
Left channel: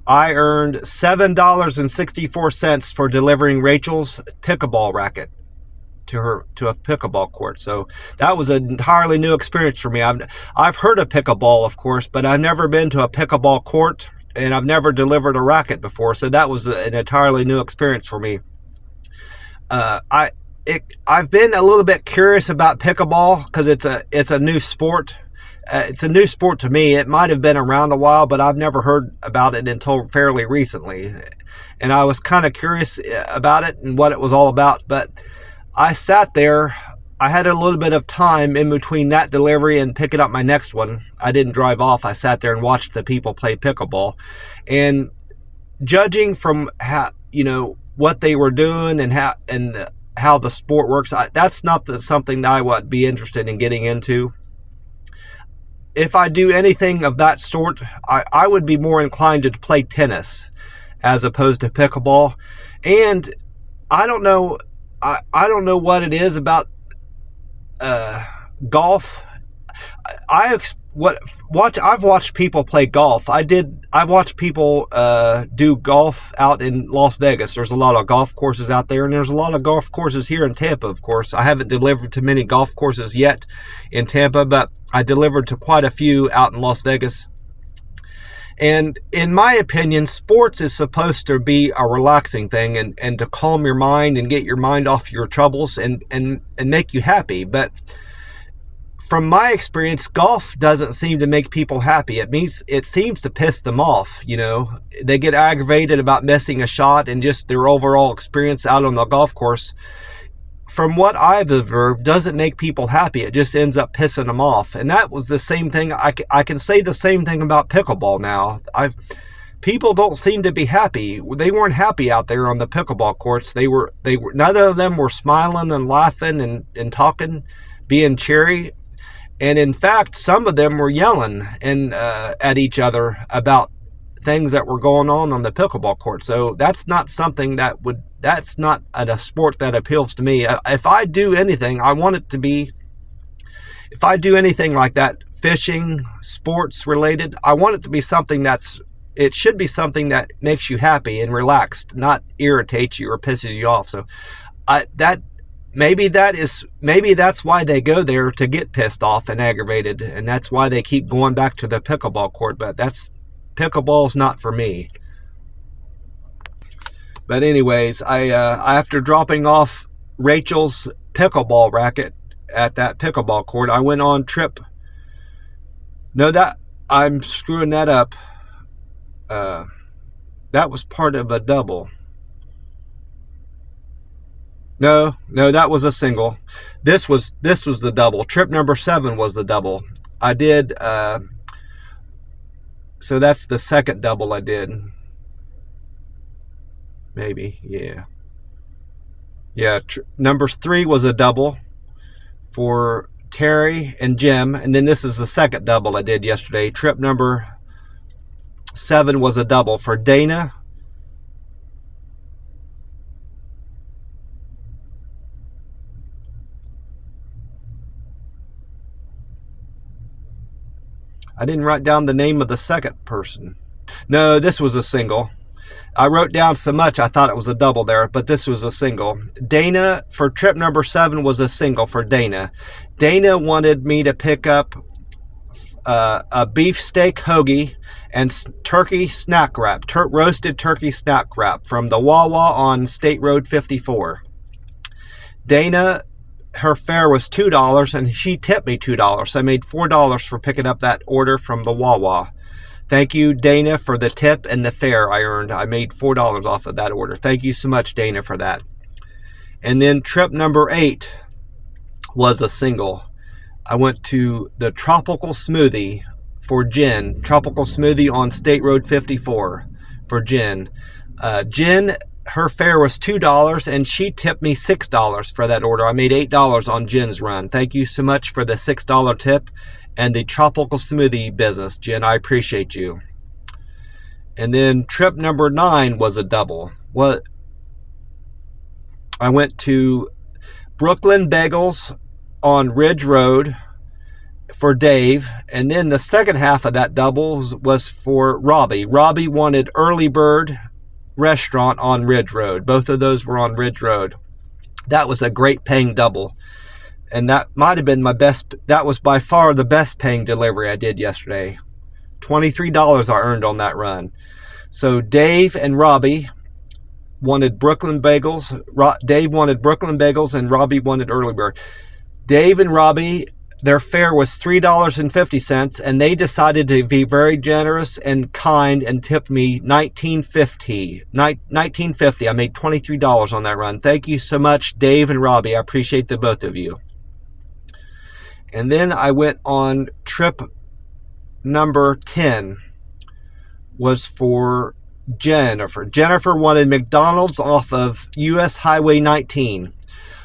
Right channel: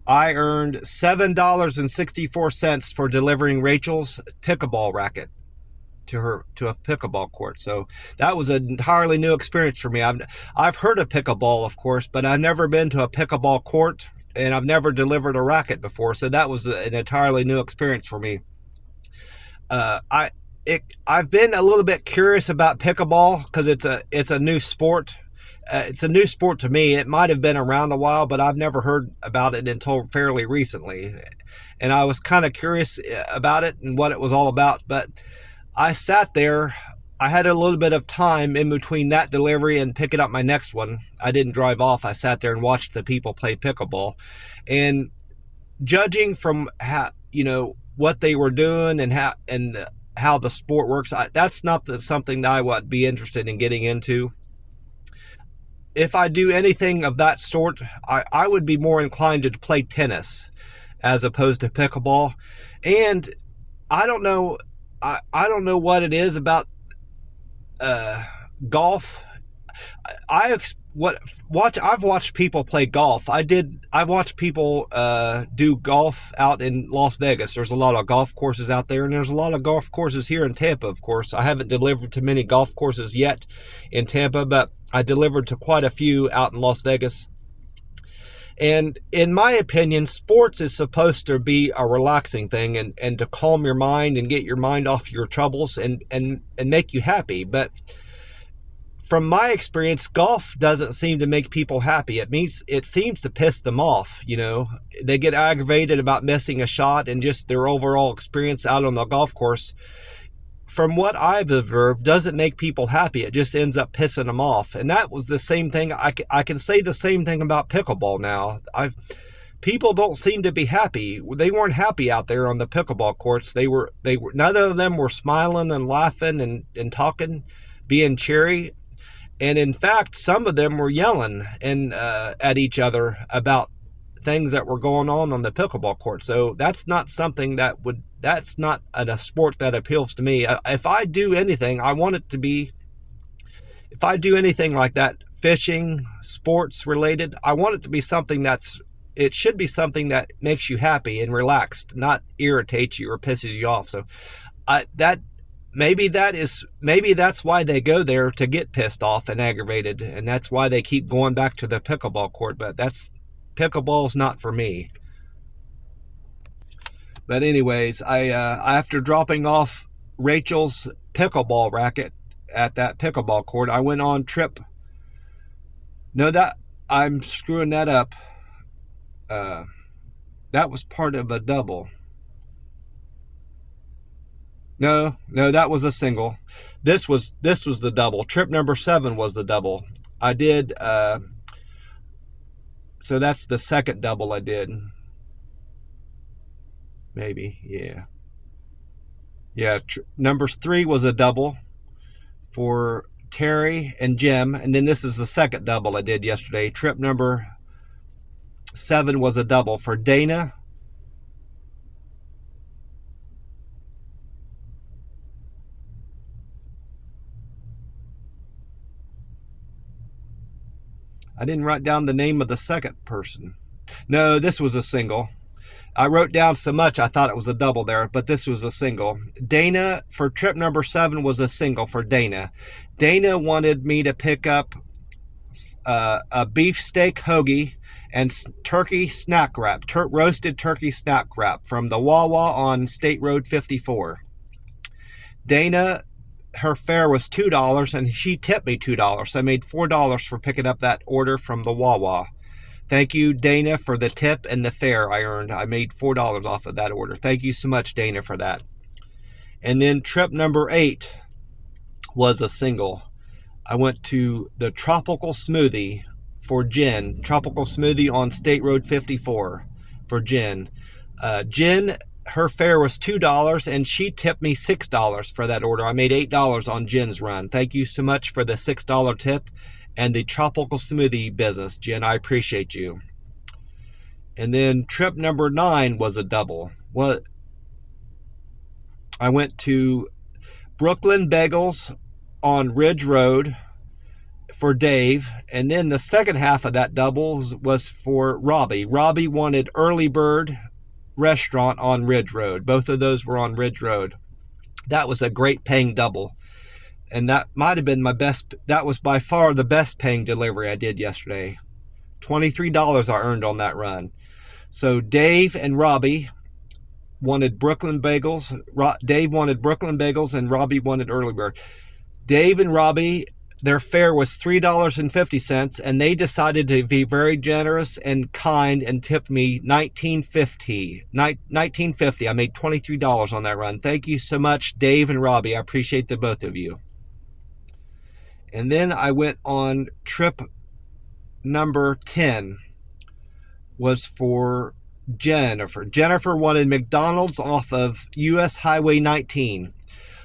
I earned $7.64 for delivering Rachel's pickleball racket. to a pickleball court. So that was an entirely new experience for me. I've heard of pickleball, of course, but I've never been to a pickleball court, and I've never delivered a racket before. So that was an entirely new experience for me. I've been a little bit curious about pickleball because it's a new sport. It's a new sport to me. It might have been around a while, but I've never heard about it until fairly recently. And I was kind of curious about it and what it was all about. But I sat there. I had a little bit of time in between that delivery and picking up my next one. I didn't drive off. I sat there and watched the people play pickleball. And judging from how, what they were doing and how the sport works, that's not something that I would be interested in getting into. If I do anything of that sort, I would be more inclined to play tennis as opposed to pickleball. And I don't know what it is about golf. I've watched people play golf. I've watched people do golf out in Las Vegas. There's a lot of golf courses out there, and there's a lot of golf courses here in Tampa, of course. I haven't delivered to many golf courses yet in Tampa, but I delivered to quite a few out in Las Vegas. And in my opinion, sports is supposed to be a relaxing thing and to calm your mind and get your mind off your troubles and make you happy. But from my experience, golf doesn't seem to make people happy. It seems to piss them off. They get aggravated about missing a shot, and just their overall experience out on the golf course, from what I've observed, doesn't make people happy. It just ends up pissing them off. And that was the same thing. I can say the same thing about pickleball now. People don't seem to be happy. They weren't happy out there on the pickleball courts. They were none of them were smiling and laughing and talking, being cheery. And in fact, some of them were yelling at each other about things that were going on the pickleball court. So that's not something that's not a sport that appeals to me. If I do anything, I want it to be, if I do anything like that, fishing, sports related, I want it to be something it should be something that makes you happy and relaxed, not irritates you or pisses you off. So maybe that's why they go there, to get pissed off and aggravated, and that's why they keep going back to the pickleball court. But pickleball's not for me. But anyways, after dropping off Rachel's pickleball racket at that pickleball court, I went on trip. No, I'm screwing that up. That was part of a double. No, that was a single. This was the double. Trip number 7 was the double. I did. So that's the second double I did. Maybe, yeah. Yeah, number 3 was a double for Terry and Jim, and then this is the second double I did yesterday. Trip number 7 was a double for Dana, I didn't write down the name of the second person. No, this was a single. I wrote down so much I thought it was a double there, but this was a single. Dana, for trip number 7, was a single for Dana. Dana wanted me to pick up a beefsteak hoagie and turkey snack wrap, roasted turkey snack wrap from the Wawa on State Road 54. Dana, her fare was $2, and she tipped me $2. So I made $4 for picking up that order from the Wawa. Thank you, Dana, for the tip and the fare I earned. I made $4 off of that order. Thank you so much, Dana, for that. And then trip number 8 was a single. I went to the Tropical Smoothie for Jen. Tropical Smoothie on State Road 54 for Jen. Jen, her fare was $2, and she tipped me $6 for that order. I made $8 on Jen's run. Thank you so much for the $6 tip and the Tropical Smoothie business, Jen. I appreciate you. And then trip number 9 was a double. I went to Brooklyn Bagels on Ridge Road for Dave, and then the second half of that double was for Robbie. Robbie wanted Early Bird Restaurant on Ridge Road. Both of those were on Ridge Road. That was a great paying double. And that might have been my best. That was by far the best paying delivery I did yesterday. $23 I earned on that run. So Dave and Robbie wanted Brooklyn bagels. Dave wanted Brooklyn bagels and Robbie wanted early bird. Dave and Robbie, their fare was $3.50, and they decided to be very generous and kind and tipped me $19.50. I made $23 on that run. Thank you so much, Dave and Robbie. I appreciate the both of you. And then I went on trip number 10, was for Jennifer. Jennifer wanted McDonald's off of US Highway 19.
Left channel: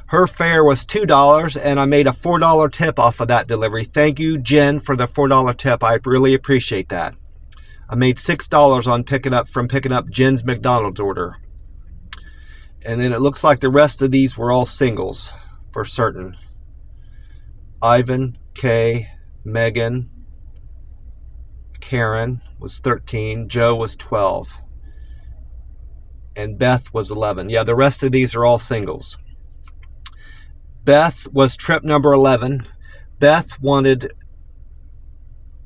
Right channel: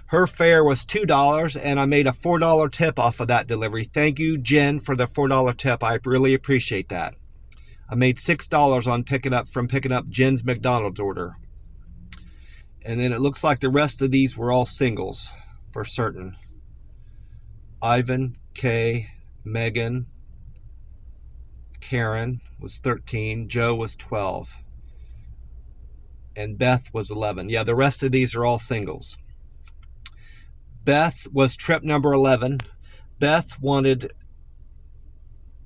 Her fare was $2, and I made a $4 tip off of that delivery. Thank you, Jen, for the $4 tip. I really appreciate that. I made $6 on picking up Jen's McDonald's order. And then it looks like the rest of these were all singles for certain. Ivan, Kay, Megan, Karen was 13, Joe was 12, and Beth was 11. Yeah, the rest of these are all singles. Beth was trip number 11. Beth wanted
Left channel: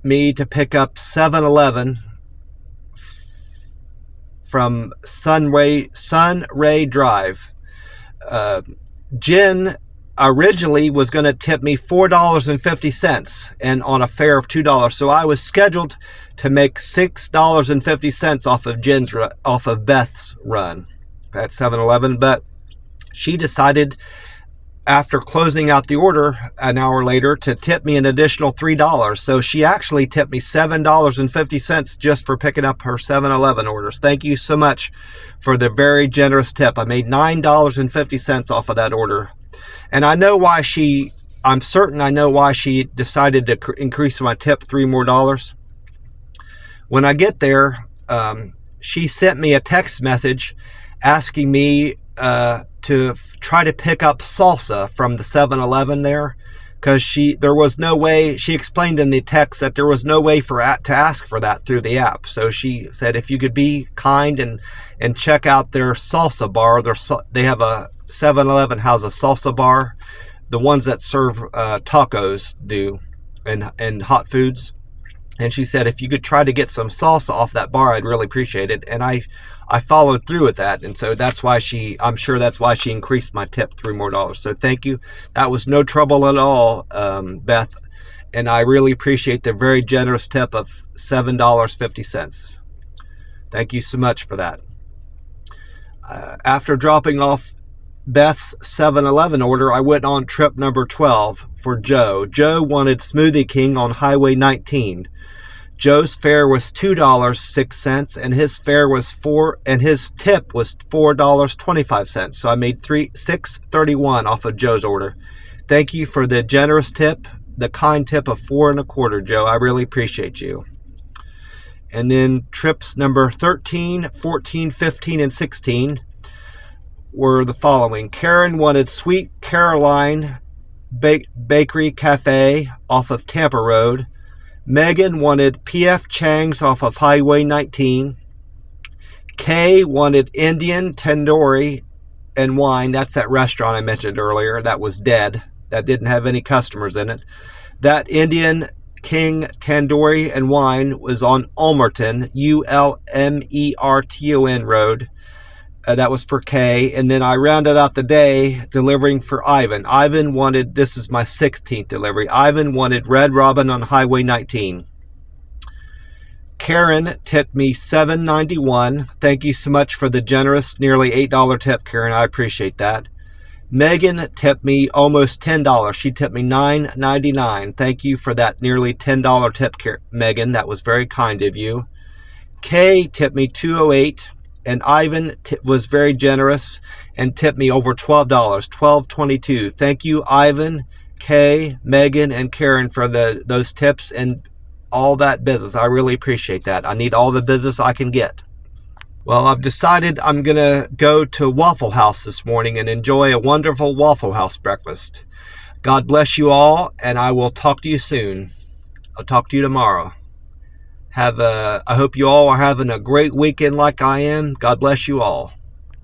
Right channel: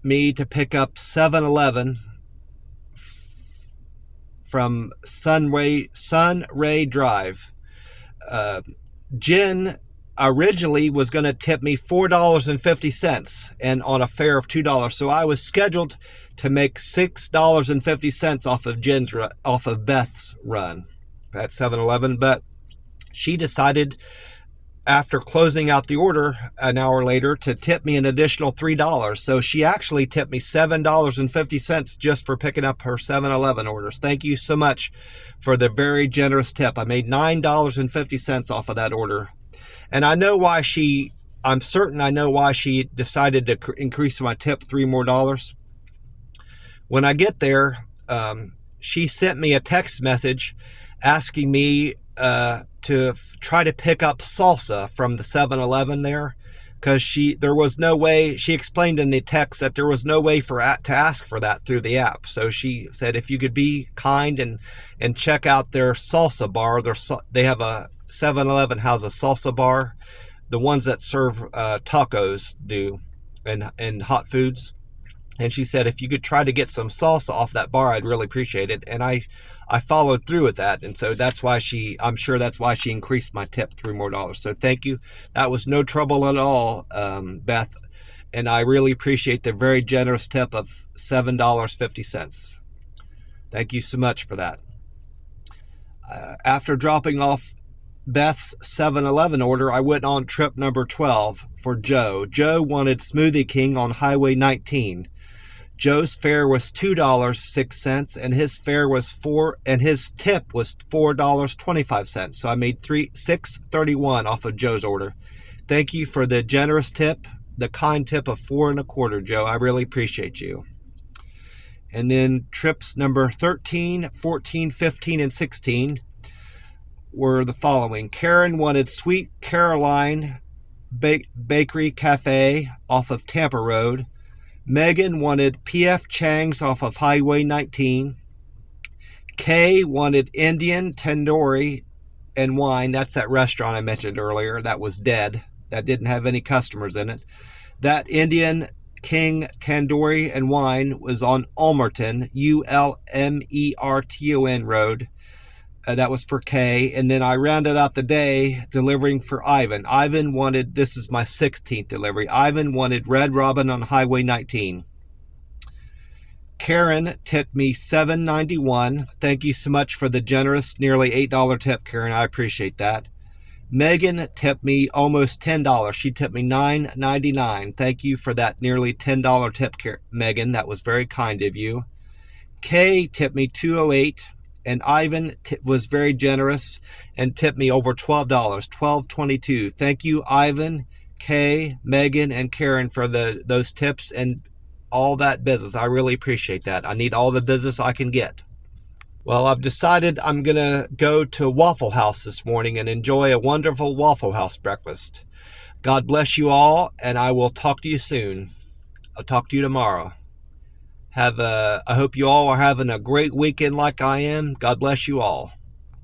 me to pick up 7-Eleven from Sunray Drive. Jen originally was going to tip me $4.50 and on a fare of $2. So I was scheduled to make $6.50 off of Beth's run at 7-Eleven, but she decided after closing out the order an hour later to tip me an additional $3. So she actually tipped me $7.50 just for picking up her 7-Eleven orders. Thank you so much for the very generous tip. I made $9.50 off of that order. And I'm certain I know why she decided to increase my tip $3 more. When I get there, she sent me a text message asking me to try to pick up salsa from the 7-Eleven there, because there was no way. She explained in the text that there was no way to ask for that through the app. So she said if you could be kind and check out their salsa bar. They have a 7-Eleven has a salsa bar, the ones that serve tacos do, and hot foods. And she said if you could try to get some salsa off that bar, I'd really appreciate it. And I followed through with that, and so I'm sure that's why she increased my tip $3 more. So thank you. That was no trouble at all, Beth, and I really appreciate the very generous tip of $7.50. Thank you so much for that. After dropping off Beth's 7-Eleven order, I went on trip number 12 for Joe. Joe wanted Smoothie King on Highway 19. Joe's fare was $2.06, and his tip was $4.25. So I made $6.31 off of Joe's order. Thank you for the generous tip, the kind tip of $4.25, Joe. I really appreciate you. And then trips number 13, 14, 15, and 16 were the following. Karen wanted Sweet Caroline Bakery Cafe off of Tampa Road. Megan wanted P.F. Chang's off of Highway 19. Kay wanted Indian Tandoori and Wine. That's that restaurant I mentioned earlier. That was dead. That didn't have any customers in it. That Indian King Tandoori and Wine was on Ulmerton, Ulmerton Road. That was for Kay. And then I rounded out the day delivering for Ivan. Ivan wanted, this is my 16th delivery. Ivan wanted Red Robin on Highway 19. Karen tipped me $7.91. Thank you so much for the generous, nearly $8 tip, Karen. I appreciate that. Megan tipped me almost $10. She tipped me $9.99. Thank you for that nearly $10 tip, Megan. That was very kind of you. Kay tipped me $2.08. And Ivan was very generous and tipped me over $12, $12.22. Thank you, Ivan, Kay, Megan, and Karen for those tips and all that business. I really appreciate that. I need all the business I can get. Well, I've decided I'm going to go to Waffle House this morning and enjoy a wonderful Waffle House breakfast. God bless you all, and I will talk to you soon. I'll talk to you tomorrow. I hope you all are having a great weekend like I am. God bless you all.